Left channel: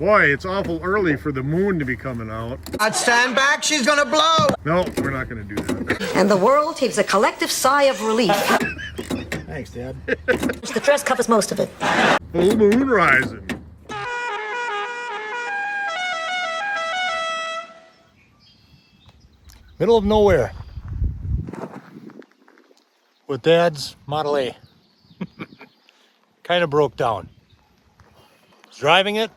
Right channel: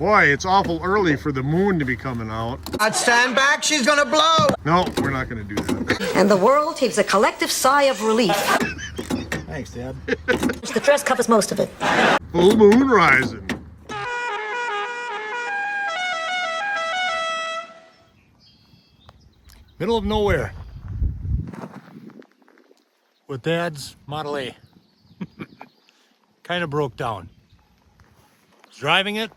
Boy, it's awful early for the moon to be coming out. I'd stand back, she's gonna blow! No, we're not gonna do that. And the world heaves a collective sigh of relief. Thanks, Dad. The dress covers most of it. Full moon rising. Middle of nowhere. With Dad's Model A. Kind of broke down. Was driving it.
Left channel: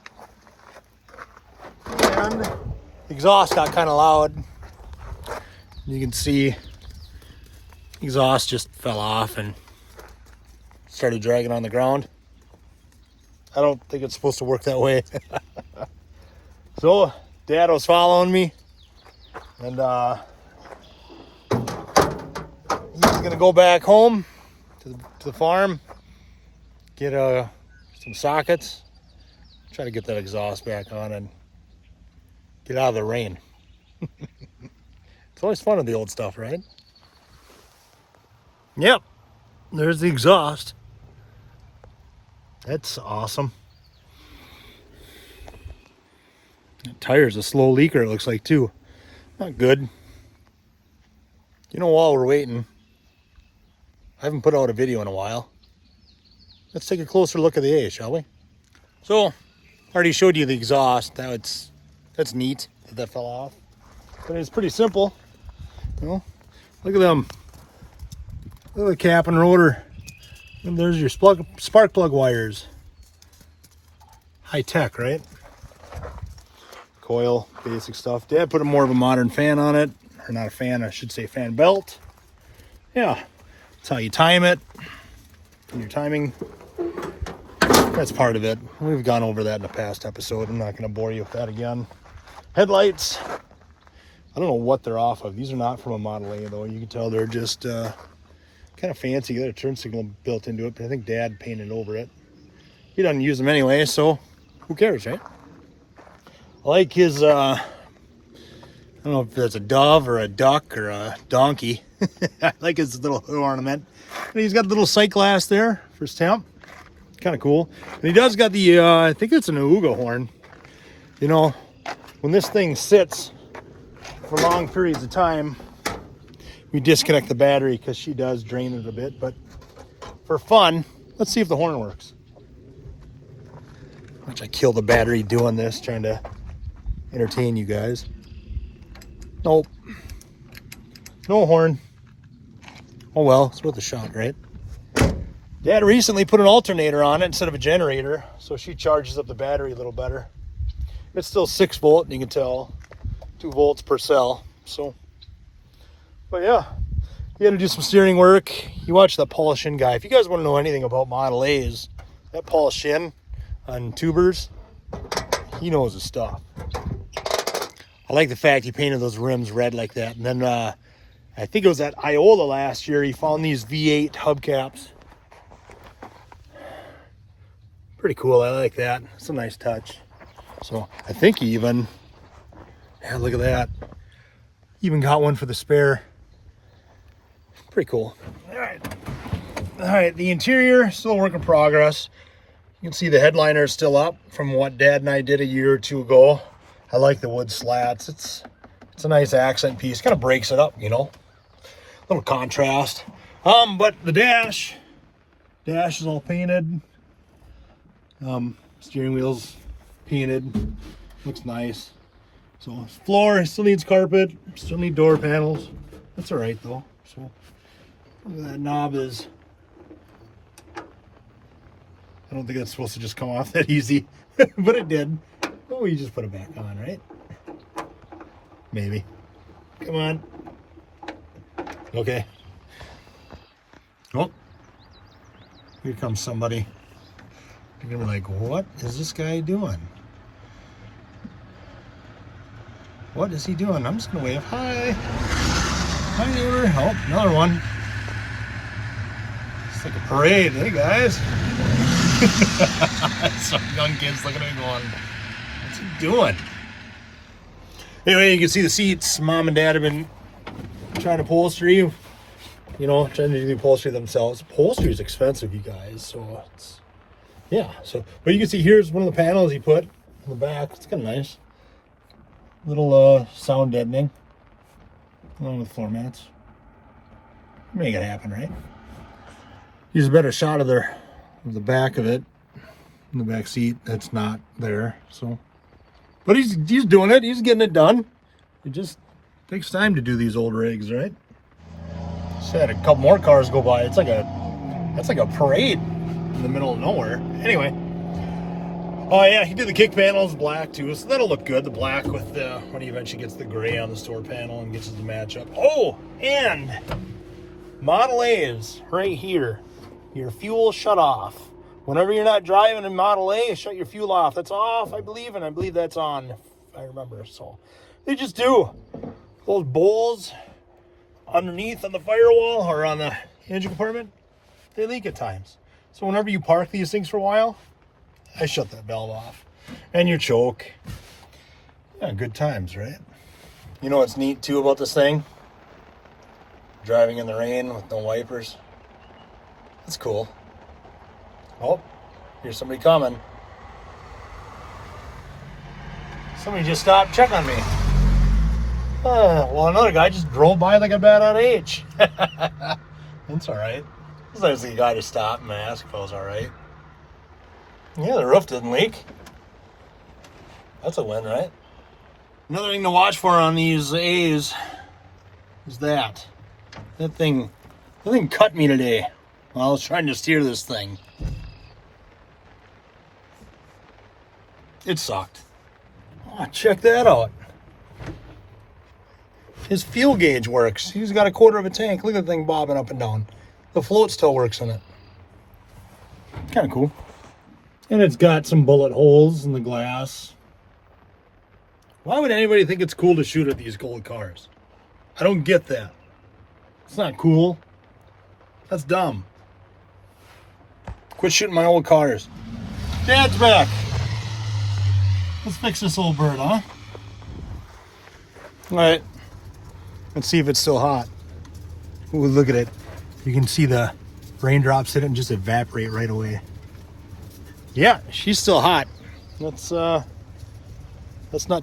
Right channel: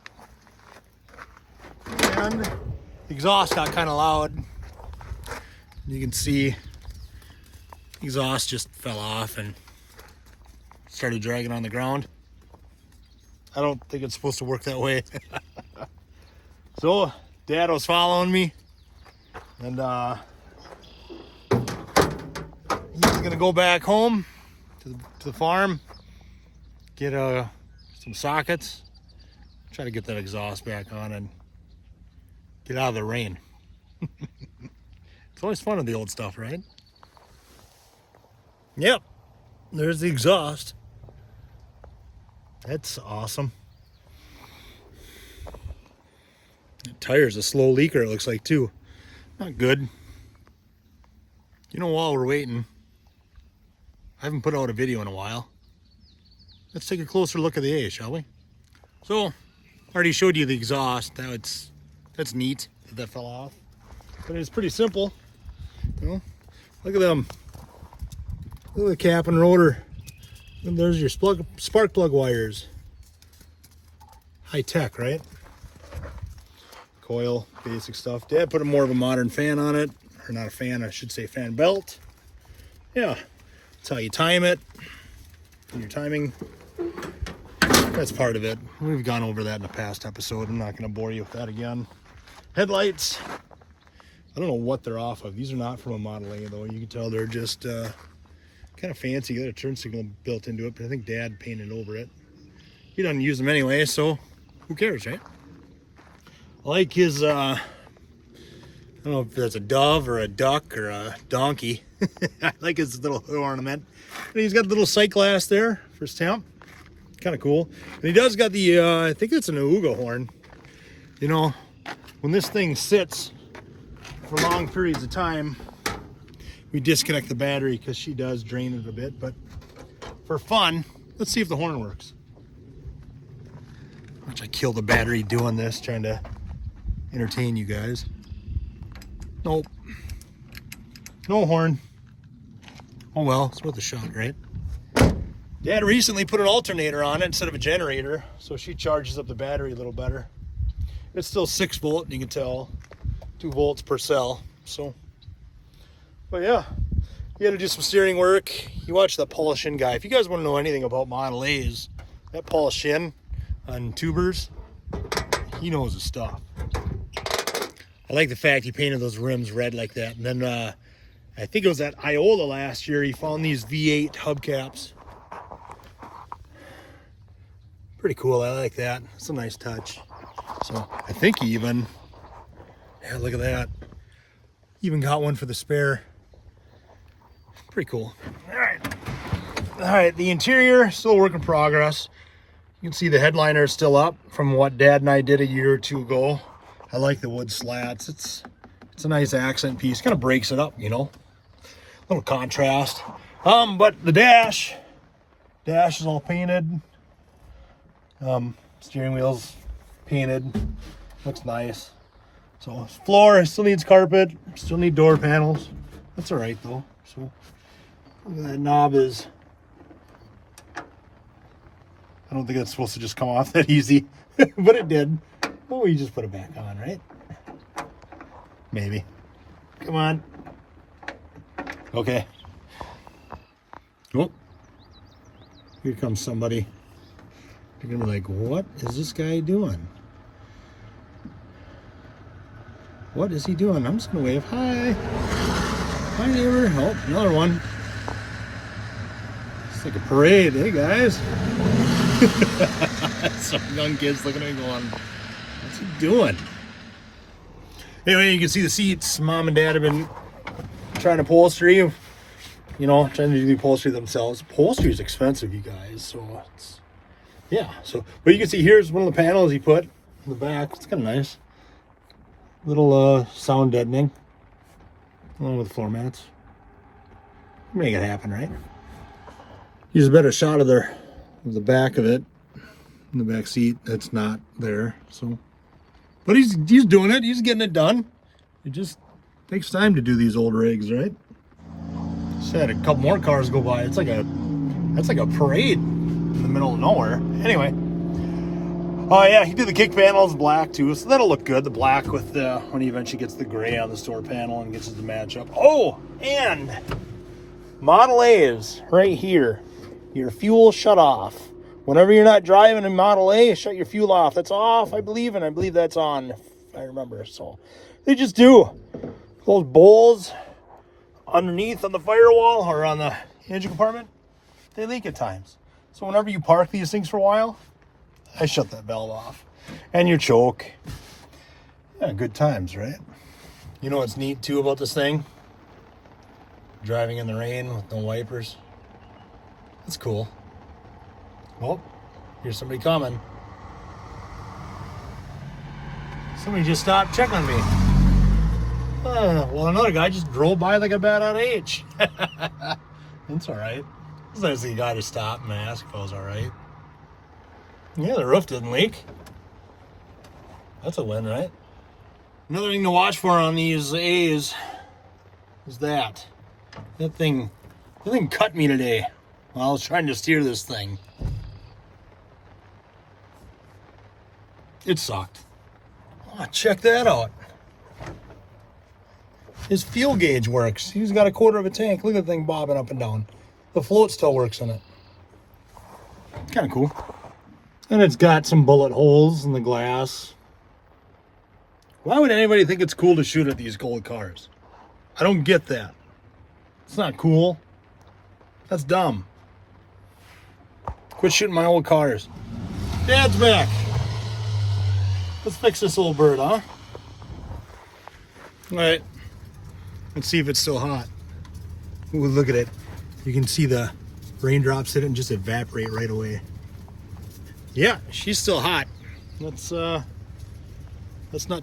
And the exhaust got kind of loud. You can see the exhaust just fell off and started dragging on the ground. I don't think it's supposed to work that way. So Dad was following me, and he's gonna go back home to the farm, get some sockets, try to get that exhaust back on and get out of the rain. It's always fun with the old stuff, right? Yep, there's the exhaust. That's awesome. That tire's a slow leaker, it looks like, too. Not good. You know, while we're waiting, I haven't put out a video in a while. Let's take a closer look at the A, shall we? So, I already showed you the exhaust. That's neat that fell off. But it's pretty simple. You know, look at them. Look at the cap and rotor. And there's your spark plug wires. High tech, right? Coil, basic stuff. Dad put more of a modern fan on it. Or not a fan, I should say fan belt. Yeah, that's how you time it. And your timing, that's part of it. We've gone over that in a past episode. I'm not going to bore you with that again. Headlights. I don't know what they're off of. These are not from a Model A, though. You can tell they're just kind of fancy. They got a turn signal built into it, but I think Dad painted over it. He doesn't use them anyway, so who cares, right? I like his, I don't know if that's a dove or a duck or a donkey. I like his little hood ornament. And he's got the little sight glass there for his temp. Kind of cool. And he does got the, I think it's an Auga horn. You know, when this thing sits for long periods of time, we disconnect the battery because she does drain it a bit. But for fun, let's see if the horn works. Watch, I kill the battery doing this, trying to entertain you guys. Nope. No horn. Oh well, it's worth a shot, right? Dad recently put an alternator on it instead of a generator, so she charges up the battery a little better. It's still 6 volt, you can tell. 2 volts per cell. So, but yeah, you had to do some steering work. You watch that Paul Shin guy. If you guys want to know anything about Model A's, that Paul Shin on tubers, he knows his stuff. I like the fact he painted those rims red like that. And then I think it was at Iola last year, he found these V8 hubcaps. Pretty cool, I like that. It's a nice touch. So I think he even, yeah, look at that. Even got one for the spare. Pretty cool. All right, the interior, still a work in progress. You can see the headliner is still up from what Dad and I did a year or two ago. I like the wood slats. It's a nice accent piece. Kind of breaks it up, you know. A little contrast. But the dash is all painted. Steering wheel's painted. Looks nice. So floor still needs carpet. Still need door panels. That's all right though. So look at that knob is. I don't think it's supposed to just come off that easy, but it did. Oh, you just put it back on, right? Maybe. Come on. Okay. Oh, here comes somebody. You're gonna be like, what is this guy doing? What is he doing? I'm just gonna wave hi. Hi, neighbor. Oh, another one. It's like a parade. Hey, guys. Some young kids looking at me going, what's he doing? Anyway, you can see the seats. Mom and Dad have been trying to upholstery, you know, trying to do the upholstery themselves. Upholstery is expensive, you guys, so it's, yeah. So, but you can see here's one of the panels he put. in the back. It's kind of nice. Little sound deadening, along with floor mats. Make it happen, right? Use a better shot of the back of it in the back seat. That's not there. So, but he's doing it. He's getting it done. It just takes time to do these old rigs, right? Just had a couple more cars go by. That's like a parade in the middle of nowhere. Anyway, yeah, he did the kick panels black too, so that'll look good. The black with the when he eventually gets the gray on the store panel and gets it to match up. Oh, and Model A's right here. Your fuel shut off. Whenever you're not driving in Model A, shut your fuel off. That's off, I believe, and I believe that's on, if I remember. So they just do. Those bowls underneath on the firewall or on the engine compartment, they leak at times. So whenever you park these things for a while, I shut that valve off. And you choke. Yeah, good times, right? You know what's neat too about this thing? Driving in the rain with no wipers. That's cool. Oh, here's somebody coming. Somebody just stopped, check on me. Well, another guy just drove by like a bat on H. That's all right. It's nice of the guy to stop and ask if I was all right. Yeah, the roof didn't leak. That's a win, right? Another thing to watch for on these A's is that thing cut me today while I was trying to steer this thing. It sucked. Oh, check that out. His fuel gauge works. He's got a quarter of a tank. Look at the thing bobbing up and down. The float still works in it. Kind of cool. And it's got some bullet holes in the glass. Why would anybody think it's cool to shoot at these old cars? I don't get that. It's not cool. That's dumb. Quit shooting my old cars. Dad's back. Let's fix this old bird, huh? All right. Let's see if it's still hot. Ooh, look at it. You can see the raindrops hit it and just evaporate right away. Yeah, she's still hot. Let's not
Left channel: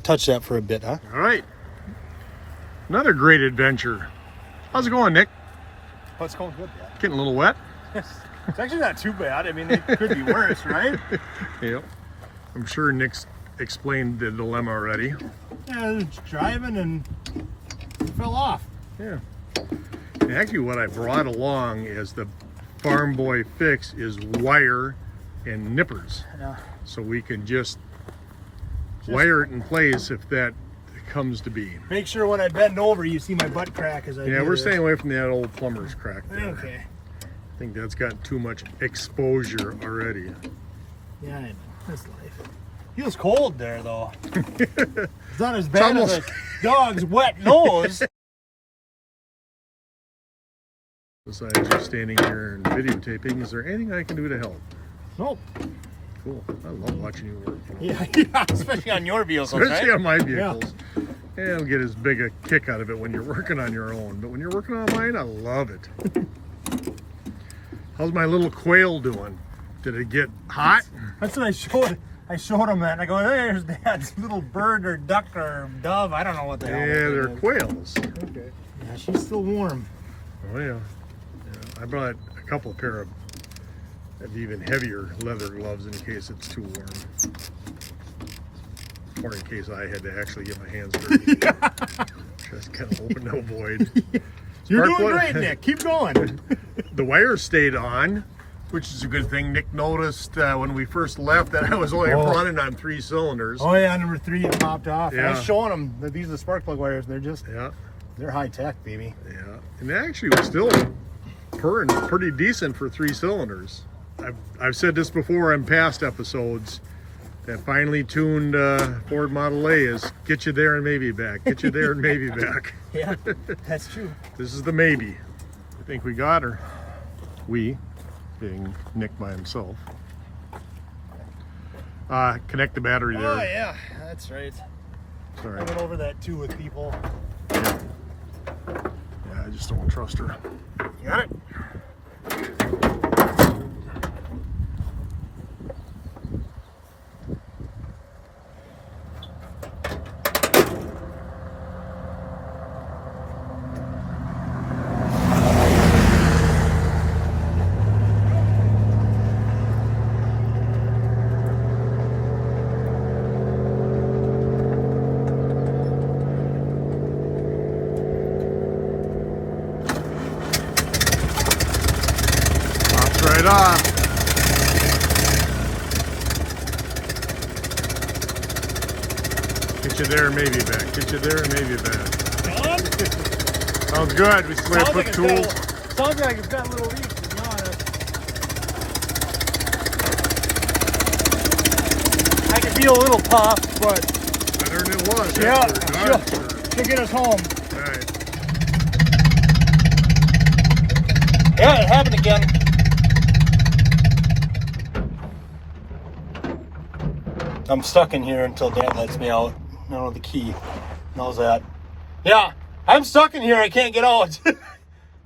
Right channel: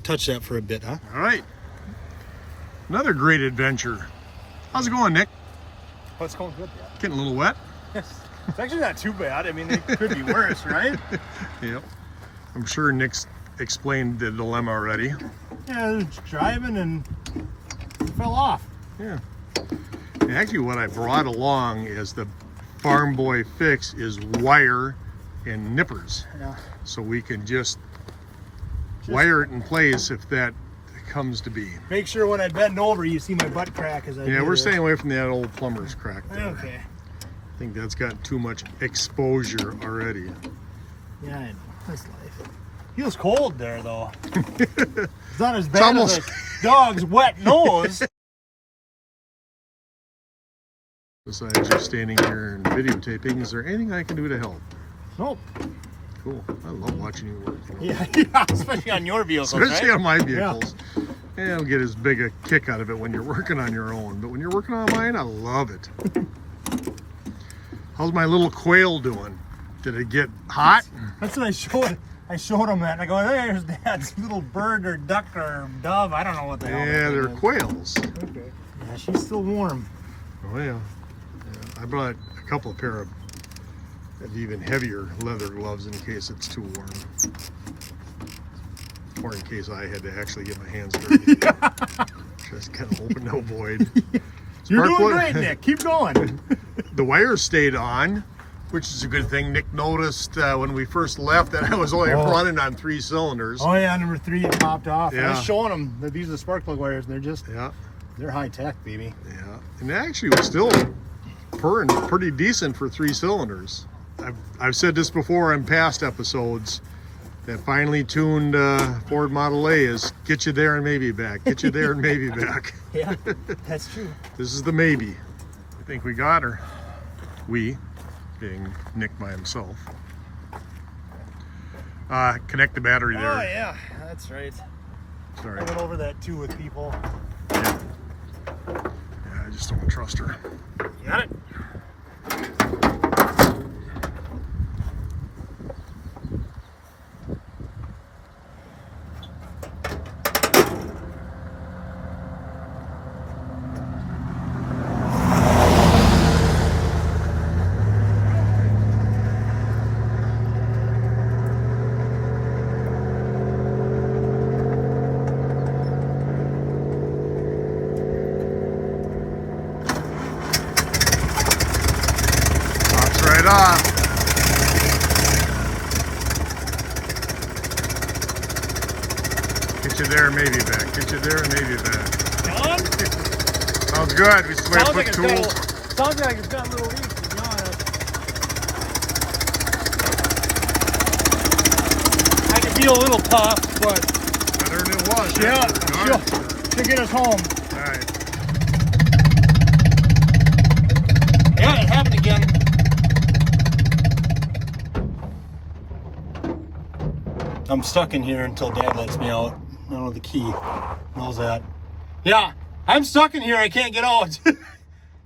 touch that for a bit, huh? All right. Another great adventure. How's it going, Nick? Oh, it's going good, yeah. Getting a little wet? It's actually not too bad. I mean, it could be worse, right? Yep. I'm sure Nick's explained the dilemma already. Yeah, I was driving and it fell off. Yeah. And actually, what I brought along is the Farm Boy fix is wire and nippers. Yeah. So we can just wire it in place if that comes to be. Make sure when I bend over, you see my butt crack as I do Yeah, we're this. staying away from that old plumber's crack there. Okay. I think that's got too much exposure already. Yeah, I know. That's life. Feels cold there, though. It's not as bad as a dog's wet nose. Besides just standing here and videotaping, is there anything I can do to help? Nope. Cool. I love watching you work. Yeah, especially on your vehicles, Especially right? on my vehicles. Yeah, I don't get as big a kick out of it when you're working on your own, but when you're working on mine, I love it. How's my little quail doing? Did it get hot? That's what I showed him that, and I go, there's Dad's little bird or duck or dove. I don't know what the hell. Yeah, that they're thing is. quails. Okay. Yeah, she's still warm. Oh yeah. I brought a couple of pair of even heavier leather gloves in case it's too warm. Or in case I had to actually get my hands dirty. Just kind of open to avoid. You're doing great, Nick. Keep going. The wire stayed on, which is a good thing. Nick noticed when we first left that I was only running on 3 cylinders. Oh yeah, number 3 it popped off. Yeah. I was showing them that these are the spark plug wires. And they're high tech, baby. Yeah, and actually we're still purring pretty decent for 3 cylinders. I've said this before in past episodes. That finely tuned Ford Model A is get you there and maybe back. Get you there and maybe back. Yeah, that's true. This is the maybe. I think we got her. We, being Nick by himself. Connect the battery there. Oh yeah, that's right. Sorry. I went over that too with people. Yeah, I just don't trust her. You got it? Get you there and maybe back. Get you there and maybe back. Gone? Sounds good. We swear Sounds put like it's tools. sounds like it's got a little leak, to be honest. I can feel a little puff, but Better than it was. yeah, Done. she'll get us home. All right. Yeah, it happened again. I'm stuck in here until Dad lets me out. I don't know the key. Knows that. Yeah, I'm stuck in here. I can't get out.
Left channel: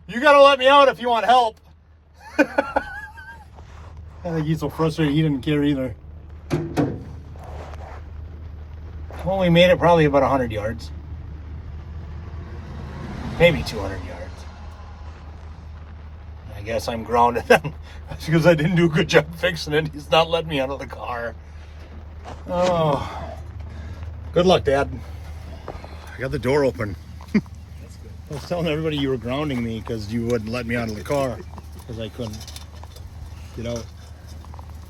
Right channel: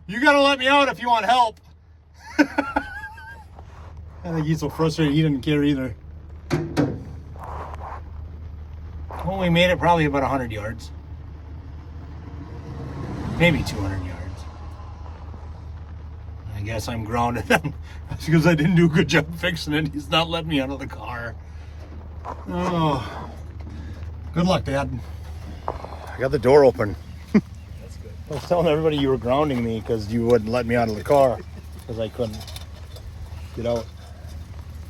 You gotta let me out if you want help. I think he's so frustrated he didn't care either. Well, we made it probably about 100 yards. Maybe 200 yards. I guess I'm grounded. That's because I didn't do a good job fixing it. He's not letting me out of the car. Oh. Good luck, Dad. I got the door open. That's good. I was telling everybody you were grounding me because you wouldn't let me out of the car because I couldn't get out.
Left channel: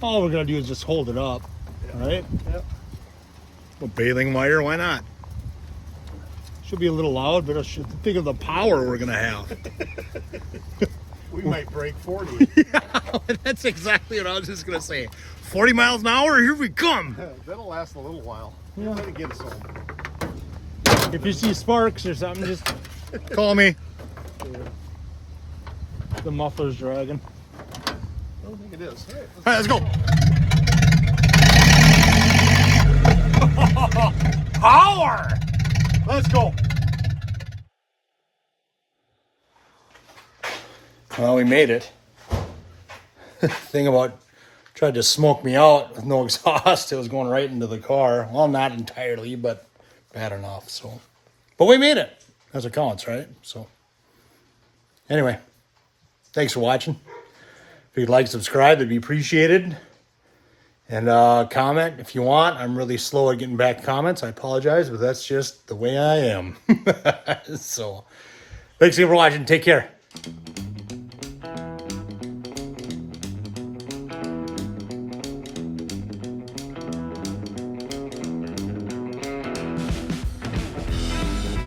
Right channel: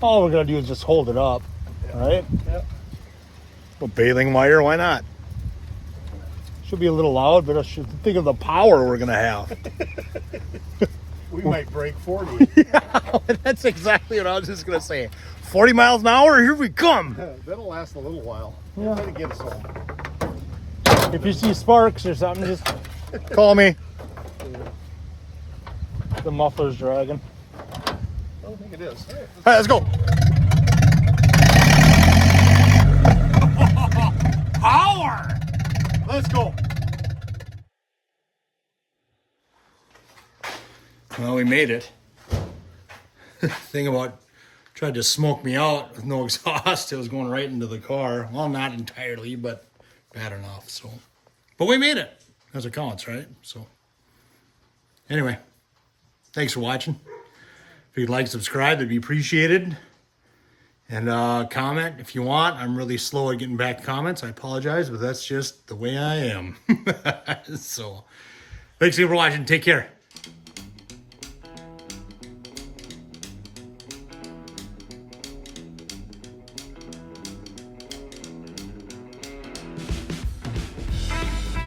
All we're going to do is just hold it up, right? Yep. Well, baling wire, why not? Should be a little loud, but I should think of the power we're going to have. We might break 40. Yeah, that's exactly what I was just going to say. 40 miles an hour, here we come. That'll last a little while. Yeah. Try to get us home. If you see sparks or something, just call me. The muffler's dragging. I don't think it is. All right, let's go. Power! Let's go. Well, we made it. Thing about tried to smoke me out with no exhaust. It was going right into the car. Well, not entirely, but bad enough. So, but we made it. That's what counts, right? So, anyway, thanks for watching. If you'd like to subscribe, it'd be appreciated. And comment if you want. I'm really slow at getting back comments. I apologize, but that's just the way I am. So, thanks again for watching. Take care.